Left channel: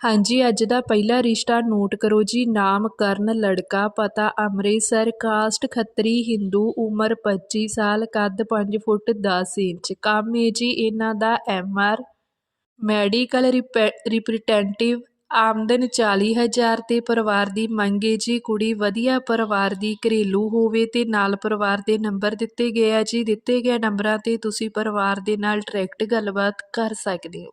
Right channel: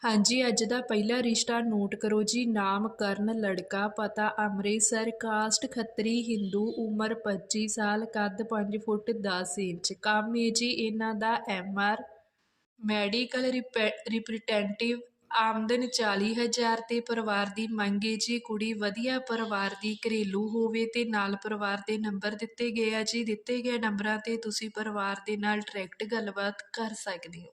ਹਾਂਜੀ, ਅੱਜ ਦਾ ਪਹਿਲਾ ਰਿਸ਼ਤਾ ਨੋਟ ਕਰੋ ਜੀ। ਨਾਮ, ਕਰਨ, ਲੜਕਾ, ਪਤਾ, ਅੰਮ੍ਰਿਤਸਰ, ਕਾਸਟ, ਖੱਤਰੀ, ਹਿੰਦੂ, ਉਮਰ 25 ਸਾਲ, ਕੱਦ 5 ਫੁੱਟ 10 ਇੰਚ। ਕੰਮ ਹੈ ਜੀ, ਇਹਨਾਂ ਦਾ ਐਮਆਰ ਮੈਡੀਕਲ ਰਿਪਰੈਜ਼ੈਂਟੇਟਿਵ ਆਮਦਨ 40000 ਤੇ ਪਰਿਵਾਰ ਦੀ ਮੰਗ ਹੈ ਜੀ। ਕੁੜੀ ਵਧੀਆ ਪਰਿਵਾਰ ਦੀ ਘਰੇਲੂ ਹੋਵੇ ਤੇ ਨਾਲ ਪਰਿਵਾਰ ਦੇ ਨੰਬਰ ਦਿੱਤੇ ਗਏ ਆ ਜੀ। ਦਿੱਤੇ ਗਏ ਨੰਬਰਾਂ ਤੇ ਤੁਸੀਂ ਪਰਿਵਾਰ ਦੇ ਨਾਲ ਡਾਇਰੈਕਟ ਗੱਲਬਾਤ ਕਰ ਸਕਦੇ ਹੋ।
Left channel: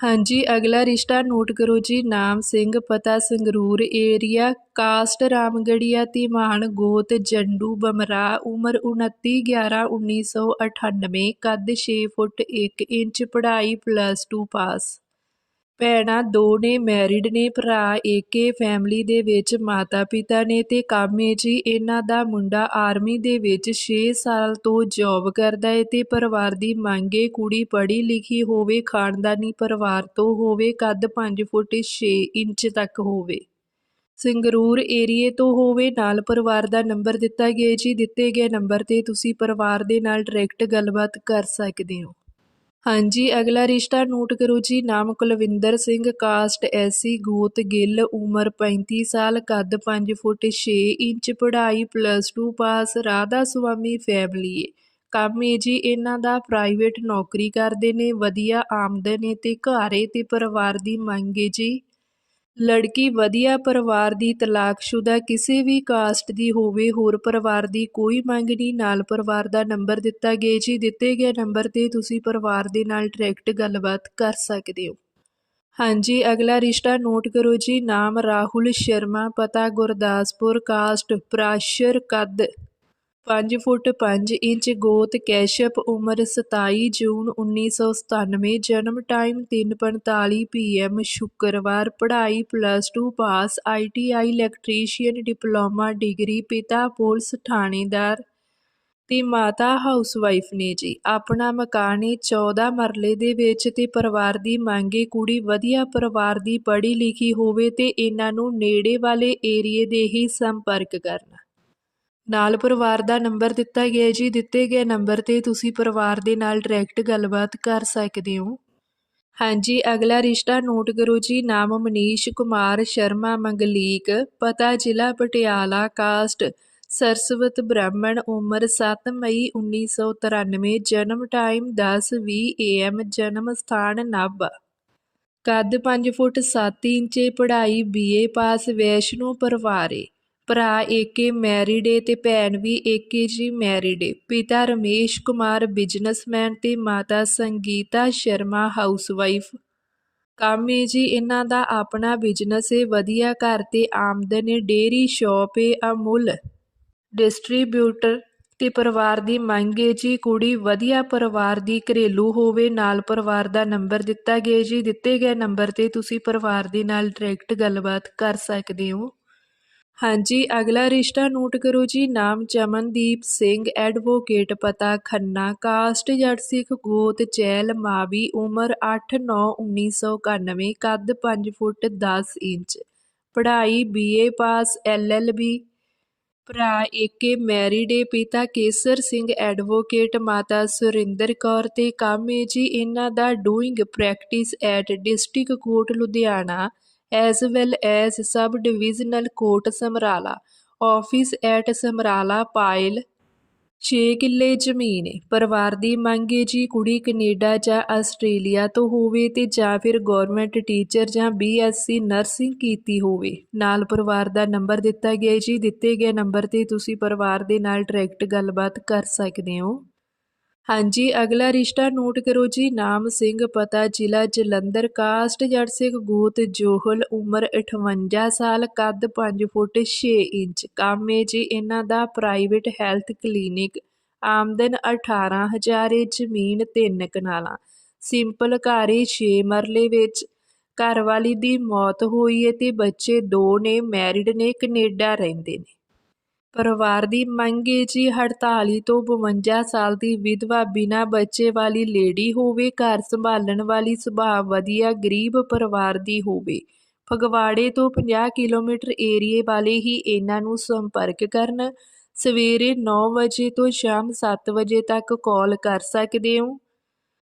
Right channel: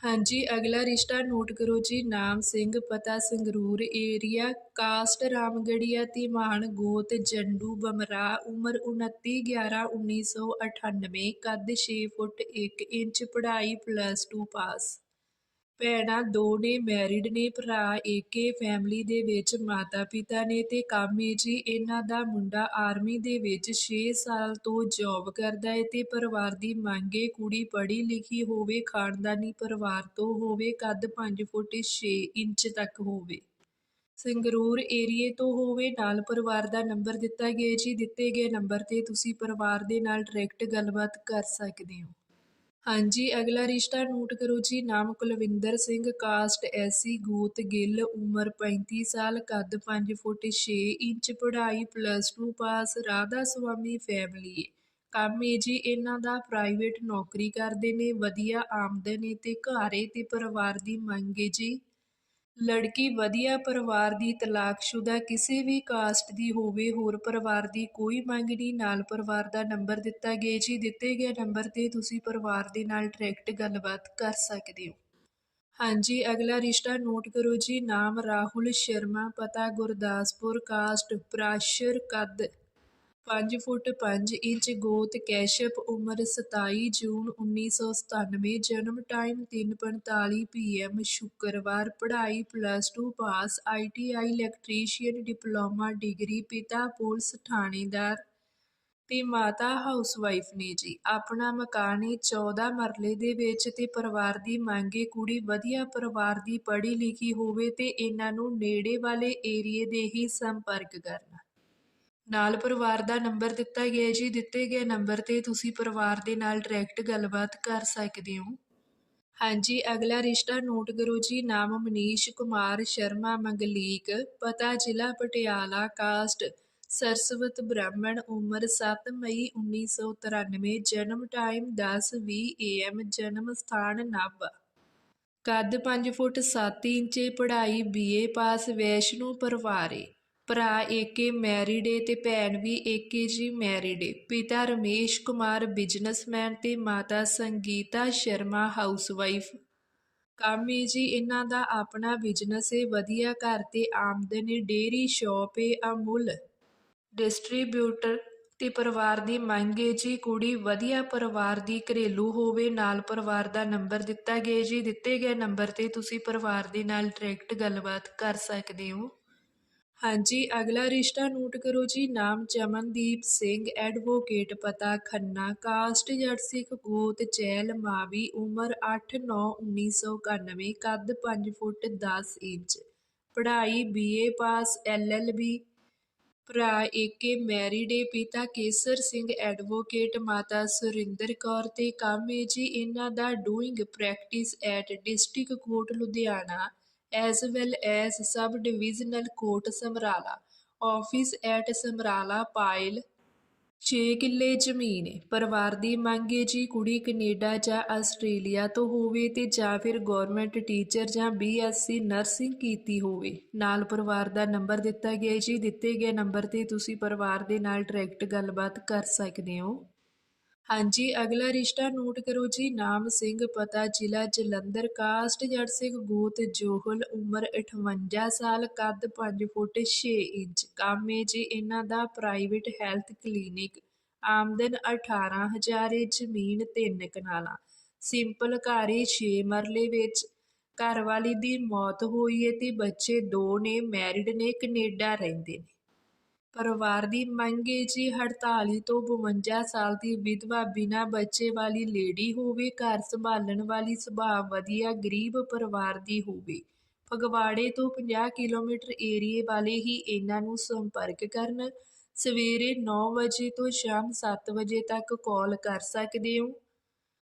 ਹਾਂਜੀ, ਅਗਲਾ ਰਿਸ਼ਤਾ ਨੋਟ ਕਰੋ ਜੀ। ਨਾਮ ਸਿੰਘ, ਪਤਾ ਸੰਗਰੂਰ, ਏਰੀਆ, ਕਾਸਟ ਰਾਮਗੜੀਆ, ਧੀਮਾਨ, ਗੋਤ, ਜੰਡੂ ਬਮਰਾ ਉਮਰ 29 11 1998 ਕੱਦ 6 ਫੁੱਟ 1 ਇੰਚ, ਪੜ੍ਹਾਈ ਪਲੱਸ 2 ਪਾਸ ਭੈਣਾਂ ਦੋ ਨੇ ਮੈਰਿਡ ਨੇ, ਭਰਾ ਏਕੇ ਫੈਮਿਲੀ ਦੇ ਵਿੱਚ ਮਾਤਾ ਪਿਤਾ ਨੇ ਤੇ ਕਾਮੇ ਜੀ। ਇਹਨਾਂ ਦਾ ਮੁੰਡਾ ਆਰਮੀ ਦੇ ਵਿੱਚ 6 ਸਾਲ ਤੋਂ ਜੌਬ ਕਰਦਾ ਹੈ ਤੇ ਪਰਿਵਾਰ ਦੀ ਮੰਗੇ ਕੁੜੀ ਪੜ੍ਹੀ ਲਿਖੀ ਹੋਵੇ, ਖਾਨਦਾਨੀ ਪਰਿਵਾਰ ਤੋਂ ਹੋਵੇ, ਕੱਦ 5 ਫੁੱਟ 6 ਇੰਚ ਤੱਕ ਹੋਵੇ। ਸੰਗਰੂਰ ਏਰੀਏ ਤੋਂ ਹੋਵੇ, ਨਾਲ ਪਰਿਵਾਰ ਦਾ ਨੰਬਰ ਦਿੱਤਾ ਗਿਆ ਜੀ। ਦਿੱਤੇ ਗਏ ਨੰਬਰ ਤੇ ਤੁਸੀਂ ਪਰਿਵਾਰ ਦੇ ਨਾਲ ਡਾਇਰੈਕਟ ਗੱਲਬਾਤ ਕਰ ਸਕਦੇ ਹੋ। ਹਾਂਜੀ, ਅਗਲਾ ਰਿਸ਼ਤਾ ਨੋਟ ਕਰੋ ਜੀ। ਨਾਮ ਕੁਲਵਿੰਦਰ ਸਿੰਘ, ਕਾਸਟ ਐਸੀ ਗੋਤ ਗਿੱਲ, ਉਮਰ 35 ਸਾਲ, ਕੱਦ 5 ਫੁੱਟ 6 ਇੰਚ, ਪੜ੍ਹਾਈ ਪਲੱਸ 2 ਪਾਸ, ਰਾਧਾ ਸੁਆਮੀ ਫੈਮਿਲੀ ਏ ਕੰਮ ਏ ਜੀ, ਇਹਨਾਂ ਦਾ ਪ੍ਰਾਈਵੇਟ ਨੌਕਰੀ ਕਰਦੇ ਨੇ, ਵਧੀਆ ਆਮਦਨ ਏ ਤੇ ਘਰ ਏ ਤੇ ਪਰਿਵਾਰ ਦੀ ਮੰਗ ਏ ਜੀ। ਲੜਕੀ ਵਧੀਆ ਪਰਿਵਾਰ ਦੀ ਤਲਾਕਸ਼ੁਦਾ ਕਿਸੇ ਵੀ ਕਾਸਟ ਦੀ ਹੋਵੇ, ਹੋਰ ਪਰਿਵਾਰ ਦੀ ਕੋਈ ਮੰਗ ਨਹੀਂ। ਨਾਲ ਪਰਿਵਾਰ ਦਾ ਨੰਬਰ ਦਿੱਤਾ ਗਿਆ ਜੀ। ਦਿੱਤੇ ਗਏ ਨੰਬਰ ਤੇ ਤੁਸੀਂ ਪਰਿਵਾਰ ਦੇ ਨਾਲ ਡਾਇਰੈਕਟ ਗੱਲਬਾਤ ਕਰ ਸਕਦੇ ਹੋ। ਹਾਂਜੀ, ਅਗਲਾ ਰਿਸ਼ਤਾ ਨੋਟ ਕਰੋ ਜੀ। ਨਾਮ ਰਾਹੁਲ ਸ਼ਰਮਾ, ਪਤਾ ਗੁਰਦਾਸਪੁਰ, ਕਾਸਟ, ਪ੍ਰਾਸ਼ਰ ਕੱਦ ਪੰਜ ਫੁੱਟ ਪੰਜ ਇੰਚ ਗੋਤ ਕੈਸ਼ਪ ਉਮਰ 27 ਜੂਨ 1997 ਜਨਮ ਟਾਈਮ ਤਿੰਨ ਪੰਤਾਲੀ ਪੀ ਐੱਮ, ਸ਼ੁੱਕਰਵਾਰ, ਪੜ੍ਹਾਈ plus two pass, I T I electrician, diploma degree, ਪਿਤਾ ਪੁਲਿਸ ਥਾਣੇਦਾਰ ਤੇ ਮਾਤਾ ਹਾਊਸਵਾਈਫ ਨੇ ਜੀ। ਆਪਣਾ ਮਕਾਨ ਹੈ 14 ਮਰਲੇ ਦੇ ਵਿੱਚ ਤੇ ਪਰਿਵਾਰ ਦੀ ਮੰਗੇ ਕੁੜੀ ਵਧੀਆ ਪਰਿਵਾਰ ਦੀ ਪੜ੍ਹੀ ਲਿਖੀ ਹੋਵੇ ਤੇ ਇਹਨਾਂ ਨੂੰ ਨੇੜੇ ਵਾਲੇ ਏਰੀਏ ਦੇ ਹੀ ਸੰਪਰਕ ਕਰਨਾ। ਨਾਲ ਪਰਿਵਾਰ ਦਾ ਨੰਬਰ ਦਿੱਤਾ ਗਿਆ ਜੀ। ਦਿੱਤੇ ਗਏ ਨੰਬਰ ਤੇ ਤੁਸੀਂ ਪਰਿਵਾਰ ਦੇ ਨਾਲ ਡਾਇਰੈਕਟ ਗੱਲਬਾਤ ਕਰ ਸਕਦੇ ਹੋ। ਹਾਂਜੀ, ਅਗਲਾ ਰਿਸ਼ਤਾ ਨੋਟ ਕਰੋ ਜੀ। ਨਾਮ ਮਨੀਸ਼ ਕੁਮਾਰ ਸ਼ਰਮਾ ਮੰਗਲੀਕ, ਪਤਾ ਜ਼ਿਲ੍ਹਾ ਪਟਿਆਲਾ, ਕਾਸਟ ਸਰਸਵਤ ਬ੍ਰਾਹਮਣ, ਉਮਰ 7 ਮਈ 1993 ਜਨਮ ਟਾਈਮ 10:20 ਏਐਮ ਜਨਮ ਸਥਾਨ ਨਾਭਾ ਕੱਦ 5 ਫੁੱਟ 7 ਇੰਚੇ, ਪੜ੍ਹਾਈ ਬੀਏ ਪਾਸ ਵੈਸ਼ਨੂ ਪਰਿਵਾਰੇ। ਭਰਾ ਏਕੇ ਮੈਰਿਡ ਏ ਤੇ ਭੈਣ ਵੀ ਏਕੇ ਜੀ ਮੈਰਿਡ ਏ। ਪਿਤਾ ਰਮੇਸ਼ ਕੁਮਾਰ ਬਿਜ਼ਨਸਮੈਨ ਤੇ ਮਾਤਾ ਸੰਗੀਤਾ ਸ਼ਰਮਾ ਹਾਊਸਵਾਈਫ ਕੰਮ ਏ ਜੀ ਇਹਨਾਂ ਦਾ ਆਪਣਾ ਬਿਜ਼ਨਸ ਏ, ਵਧੀਆ ਘਰ ਤੇ ਆਮਦਨ ਏ ਡੇਰੀ ਸ਼ਾਪ ਏ, ਅਮੁੱਲ। ਡਿਸਟ੍ਰੀਬਿਊਟਰ ਤੇ ਪਰਿਵਾਰ ਦੀ ਮੰਗ ਏ ਜੀ, ਕੁੜੀ ਵਧੀਆ ਪਰਿਵਾਰ ਦੀ ਘਰੇਲੂ ਹੋਵੇ, ਨਾਲ ਪਰਿਵਾਰ ਦਾ ਨੰਬਰ ਦਿੱਤਾ ਗਿਆ ਜੀ। ਦਿੱਤੇ ਗਏ ਨੰਬਰ ਤੇ ਤੁਸੀਂ ਪਰਿਵਾਰ ਦੇ ਨਾਲ ਡਾਇਰੈਕਟ ਗੱਲਬਾਤ ਕਰ ਸਕਦੇ ਹੋ। ਹਾਂਜੀ, ਅਗਲਾ ਰਿਸ਼ਤਾ ਨੋਟ ਕਰੋ ਜੀ। ਨਾਮ ਚਮਨਦੀਪ ਸਿੰਘ, ਐਡਵੋਕੇਟ, ਪਤਾ ਖੰਨਾ, ਕਾਸਟ ਜੱਟ ਸਿੱਖ, ਗੋਤ, ਚੈਲ, ਮਾਵੀ, ਉਮਰ 8/9/1991 ਕੱਦ 5 ਫੁੱਟ 10 ਇੰਚ। ਪੜ੍ਹਾਈ ਬੀਏ ਪਾਸ, ਐਲਐਲਬੀ। ਭਰਾ ਏਕੇ, ਮੈਰਿਡ ਏ, ਪਿਤਾ ਕੇਸਰ ਸਿੰਘ, ਐਡਵੋਕੇਟ, ਮਾਤਾ ਸੁਰਿੰਦਰ ਕੌਰ ਤੇ ਕੰਮ ਏ ਜੀ। ਇਹਨਾਂ ਦਾ doing practice at district court Ludhiana. As well as sub divisional court Samrala, office at Samrala Payal. 6 ਕਿੱਲੇ ਜ਼ਮੀਨ ਹੈ ਪਰਿਵਾਰ ਦੀ ਮੰਗ ਹੈ ਜੀ ਕੁੜੀ ਕੈਨੇਡਾ ਜਾਂ ਆਸਟ੍ਰੇਲੀਆ ਤੋਂ ਹੋਵੇ ਤੇ ਜਾਂ ਫਿਰ ਗਵਰਨਮੈਂਟ ਟੀਚਰ ਜਾਂ ਬੀਐਸਸੀ ਨਰਸਿੰਗ ਕੀਤੀ ਹੋਵੇ। ਨਾਲ ਪਰਿਵਾਰ ਦਾ ਨੰਬਰ ਦਿੱਤਾ ਗਿਆ ਜੀ, ਦਿੱਤੇ ਗਏ ਨੰਬਰ ਤੇ ਤੁਸੀਂ ਪਰਿਵਾਰ ਦੇ ਨਾਲ ਡਾਇਰੈਕਟ ਗੱਲਬਾਤ ਕਰ ਸਕਦੇ ਹੋ। ਹਾਂਜੀ, ਅਗਲਾ ਰਿਸ਼ਤਾ ਨੋਟ ਕਰੋ ਜੀ। ਨਾਮ ਸਿੰਘ, ਪਤਾ ਜ਼ਿਲ੍ਹਾ ਜਲੰਧਰ। ਕਾਸਟ ਜੜ ਸਿੰਘ, ਗੋਤ ਜੋਹਲ, ਉਮਰ 58 ਸਾਲ, ਕੱਦ 5 ਫੁੱਟ 6 ਇੰਚ। ਕੰਮ ਹੈ ਜੀ ਇਹਨਾਂ ਦਾ ਪ੍ਰਾਈਵੇਟ ਹੈਲਥ ਕਲੀਨਿਕ ਆਮਦਨ 18000 ਏ, ਜ਼ਮੀਨ 3 ਕਨਾਲਾਂ। ਸਿੰਪਲ ਘਰ ਏ 6 ਮਰਲੇ ਵਿੱਚ। ਘਰਵਾਲੀ ਦੀ ਮੌਤ ਹੋਈ ਹੈ ਤੇ ਬੱਚੇ ਦੋ ਨੇ ਮੈਰਿਡ ਨੇ, ਕੈਨੇਡਾ ਰਹਿੰਦੇ ਨੇ। ਪਰਿਵਾਰ ਦੀ ਮੰਗ ਹੈ ਜੀ 48 ਤੋਂ 52 ਸਾਲ ਦੀ ਵਿਧਵਾ ਬਿਨਾਂ ਬੱਚੇ ਵਾਲੀ ਲੇਡੀ ਹੋਵੇ, ਘਰ ਸੰਭਾਲਣ ਵਾਲੀ ਸੁਭਾਅ ਵਧੀਆ, ਗਰੀਬ ਪਰਿਵਾਰ ਦੀ ਹੋਵੇ। ਫਗਵਾੜੇ ਤੋਂ 50 ਕਿਲੋਮੀਟਰ ਏਰੀਏ ਵਾਲੇ ਹੀ ਇਹਨਾਂ ਨੂੰ ਸੰਪਰਕ ਕਰਨ। ਸਵੇਰੇ 9 ਵਜੇ ਤੋਂ ਸ਼ਾਮ 7 ਵਜੇ ਤੱਕ ਕਾਲ ਕਰ ਸਕਦੇ ਹੋ।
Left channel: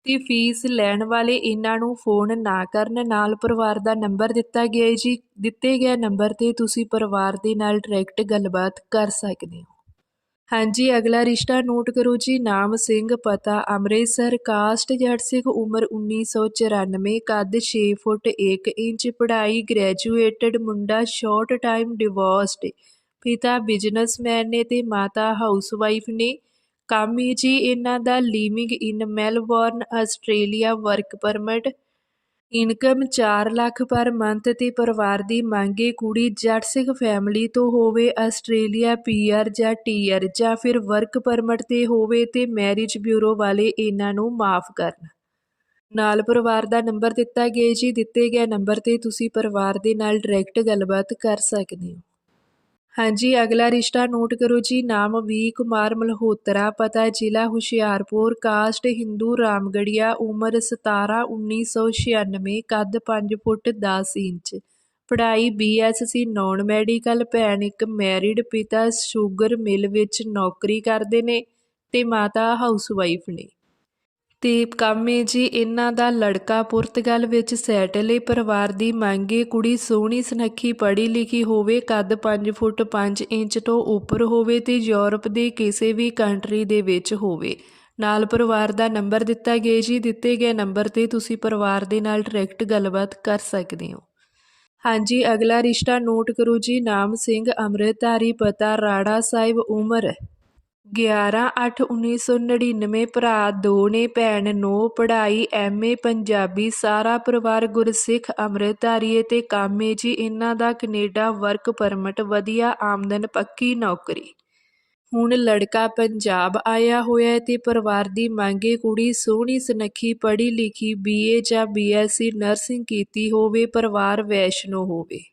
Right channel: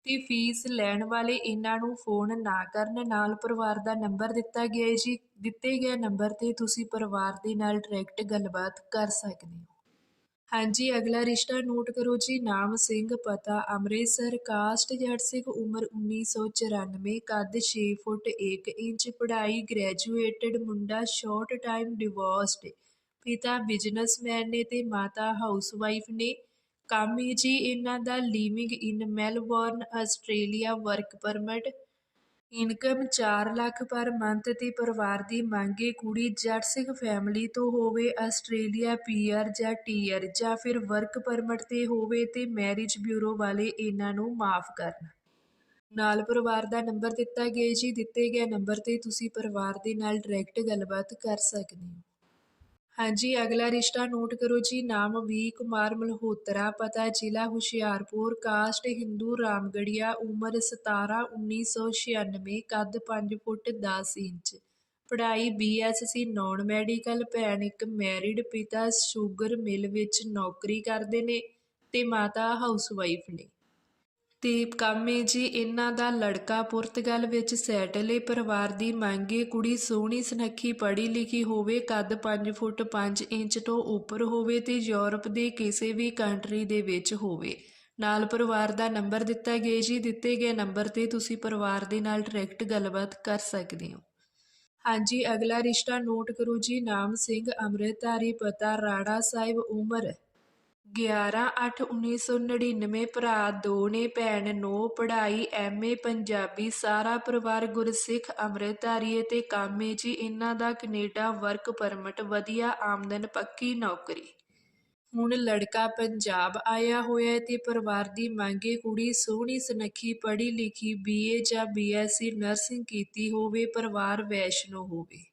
ਤੇ ਫੀਸ ਲੈਣ ਵਾਲੇ ਇਹਨਾਂ ਨੂੰ ਫੋਨ ਨਾ ਕਰਨ ਨਾਲ ਪਰਿਵਾਰ ਦਾ ਨੰਬਰ ਦਿੱਤਾ ਗਿਆ ਹੈ ਜੀ। ਦਿੱਤੇ ਗਏ ਨੰਬਰ ਤੇ ਤੁਸੀਂ ਪਰਿਵਾਰ ਦੇ ਨਾਲ ਡਾਇਰੈਕਟ ਗੱਲਬਾਤ ਕਰ ਸਕਦੇ ਹੋ। ਹਾਂਜੀ, ਅਗਲਾ ਰਿਸ਼ਤਾ ਨੋਟ ਕਰੋ ਜੀ। ਨਾਮ ਸਿੰਘ, ਪਤਾ ਅੰਮ੍ਰਿਤਸਰ, ਕਾਸਟ ਜੱਟ ਸਿੰਘ, ਉਮਰ 1994 ਕੱਦ 6 ਫੁੱਟ 1 ਇੰਚ, ਪੜ੍ਹਾਈ ਗ੍ਰੈਜੂਏਟਡ ਮੁੰਡਾ ਸ਼ਾਰਟ ਟਾਈਮ ਡਿਵੋਰਸਡ ਪਿਤਾ ਬਿਜ਼ਨਸਮੈਨ ਨੇ ਤੇ ਮਾਤਾ ਹਾਊਸਵਾਈਫ ਨੇ। ਕੰਮ ਹੀ ਜੀ ਇਹਨਾਂ ਦਾ living in Melbourne Australia work permit income 4 lakh per month ਤੇ ਪਰਿਵਾਰ ਦੀ ਮੰਗੇ ਕੁੜੀ ਜੱਟ ਸਿੱਖ ਫੈਮਿਲੀ ਤੋਂ ਹੋਵੇ ਆਸਟ੍ਰੇਲੀਆ ਪੀਆਰ ਜਾਂ ਟੀਆਰ ਜਾਂ ਫਿਰ ਵਰਕ ਪਰਮਿਟ ਤੇ ਹੋਵੇ ਤੇ ਮੈਰਿਜ ਬਿਊਰੋ ਵਾਲੇ ਇਹਨਾਂ ਨੂੰ ਮਾਫ ਕਰਨ। ਨਾਲ ਪਰਿਵਾਰ ਦਾ ਨੰਬਰ ਦਿੱਤਾ ਗਿਆ ਜੀ, ਦਿੱਤੇ ਗਏ ਨੰਬਰ ਤੇ ਤੁਸੀਂ ਪਰਿਵਾਰ ਦੇ ਨਾਲ ਡਾਇਰੈਕਟ ਗੱਲਬਾਤ ਕਰ ਸਕਦੇ ਹੋ। ਹਾਂਜੀ, ਅਗਲਾ ਰਿਸ਼ਤਾ ਨੋਟ ਕਰੋ ਜੀ। ਨਾਮ ਵੀ ਕੁਮਾਰ ਮਲਹੋਤਰਾ, ਪਤਾ ਜ਼ਿਲ੍ਹਾ ਹੁਸ਼ਿਆਰਪੁਰ, ਕਾਸਟ ਹਿੰਦੂ ਰਾਮਗੜੀਆ ਉਮਰ 17 1996 ਕੱਦ 5 ਫੁੱਟ 10 ਇੰਚ। ਪੜ੍ਹਾਈ ਬੀਐਸਸੀ ਨਾਨ ਮੈਡੀਕਲ, ਭੈਣ ਇੱਕ ਮੈਰਿਡ ਪਿਤਾ, ਸ਼ੂਗਰ ਮਿਲ ਵਿੱਚ ਨੌਕਰੀ ਕਰਦੇ ਨੇ ਤੇ ਮਾਤਾ ਹਾਊਸਵਾਈਫ ਨੇ। ਤੇ ਕਾਮੇ ਜੀ, ਇਹਨਾਂ ਦਾ ਲੜਕਾ ਪੁਰਤਗਾਲ ਵਿੱਚ ਸੈਟਲ ਹੈ ਪਰਿਵਾਰ ਦੀ ਮੰਗ ਹੈ ਕੁੜੀ ਸੋਹਣੀ ਸੁਨੱਖੀ, ਪੜ੍ਹੀ ਲਿਖੀ ਹੋਵੇ, ਕੱਦ 5 ਫੁੱਟ 5 ਇੰਚ ਤੋਂ ਉੱਪਰ ਹੋਵੇ ਤੇ ਯੂਰਪ ਦੇ ਕਿਸੇ ਵੀ ਕੰਟਰੀ ਦੇ ਵਿੱਚ ਹੋਵੇ। ਨਾਲ ਪਰਿਵਾਰ ਦਾ ਨੰਬਰ ਦਿੱਤਾ ਗਿਆ ਜੀ। ਦਿੱਤੇ ਗਏ ਨੰਬਰ ਤੇ ਤੁਸੀਂ ਪਰਿਵਾਰ ਦੇ ਨਾਲ ਡਾਇਰੈਕਟ ਗੱਲਬਾਤ ਕਰ ਸਕਦੇ ਹੋ। ਹਾਂਜੀ, ਅਗਲਾ ਰਿਸ਼ਤਾ ਨੋਟ ਕਰੋ ਜੀ। ਨਾਮ ਸਿੰਘ, ਅੰਮ੍ਰਿਤਧਾਰੀ, ਪਤਾ, ਰਾੜਾ ਸਾਹਿਬ, ਉਮਰ 11/8/1999 ਭਰਾ ਦੋ ਨੇ ਭੈਣ ਨੋ ਪੜ੍ਹਾਈ ਐਮਏ ਪੰਜਾਬੀ, ਸਾਰਾ ਪਰਿਵਾਰ ਗੁਰਸਿੱਖ, ਅੰਮ੍ਰਿਤਧਾਰੀ ਅਤੇ ਕਾਮੇ ਜੀ। ਇਹਨਾਂ ਦਾ ਕਨੇਡਾ ਵਰਕ ਪਰਮਿਟ, ਵਧੀਆ ਆਮਦਨ, ਪੱਕੀ ਨੌਕਰੀ। ਹੁਣ ਲੜਕਾ ਪੰਜਾਬ ਆਇਆ ਹੋਇਆ ਹੈ ਤੇ ਪਰਿਵਾਰ ਦੀ ਮੰਗੇ ਕੁੜੀ ਸੋਹਣੀ, ਸੁਨੱਖੀ ਪੜ੍ਹੀ ਲਿਖੀ ਬੀਏ ਜਾਂ ਬੀਐਸਸੀ ਨਰਸਿੰਗ ਕੀਤੀ ਹੋਵੇ, ਪਰਿਵਾਰ ਵੈਸ਼ਨੋ ਹੋਵੇ।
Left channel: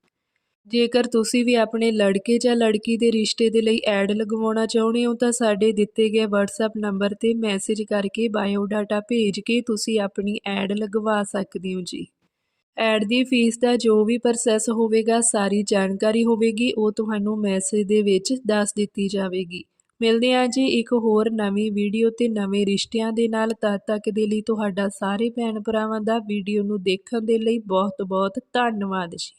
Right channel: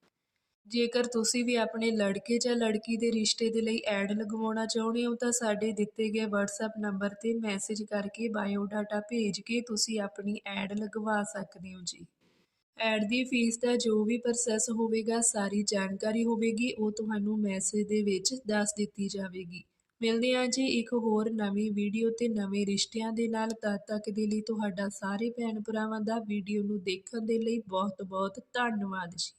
ਜੇਕਰ ਤੁਸੀਂ ਵੀ ਆਪਣੇ ਲੜਕੇ ਜਾਂ ਲੜਕੀ ਦੇ ਰਿਸ਼ਤੇ ਦੇ ਲਈ ਐਡ ਲਗਵਾਉਣਾ ਚਾਹੁੰਦੇ ਹੋ, ਤਾਂ ਸਾਡੇ ਦਿੱਤੇ ਗਏ WhatsApp ਨੰਬਰ ਤੇ ਮੈਸੇਜ ਕਰਕੇ ਬਾਇਓਡਾਟਾ ਭੇਜ ਕੇ ਤੁਸੀਂ ਆਪਣੀ ਐਡ ਲਗਵਾ ਸਕਦੇ ਹੋ ਜੀ। ਐਡ ਦੀ ਫੀਸ ਦਾ ਜੋ ਵੀ ਪ੍ਰੋਸੈਸ ਹੋਵੇਗਾ, ਸਾਰੀ ਜਾਣਕਾਰੀ ਹੋਵੇਗੀ, ਉਹ ਤੁਹਾਨੂੰ ਮੈਸੇਜ ਦੇ ਵਿੱਚ ਦੱਸ ਦਿੱਤੀ ਜਾਵੇਗੀ। ਮਿਲਦੇ ਹਾਂ ਜੀ ਇੱਕ ਹੋਰ ਨਵੀਂ ਵੀਡੀਓ ਤੇ ਨਵੇਂ ਰਿਸ਼ਤਿਆਂ ਦੇ ਨਾਲ। ਤਦ ਤੱਕ ਦੇ ਲਈ ਤੁਹਾਡਾ ਸਾਰੇ ਭੈਣ ਭਰਾਵਾਂ ਦਾ ਵੀਡੀਓ ਨੂੰ ਦੇਖਣ ਦੇ ਲਈ ਬਹੁਤ ਬਹੁਤ ਧੰਨਵਾਦ ਜੀ।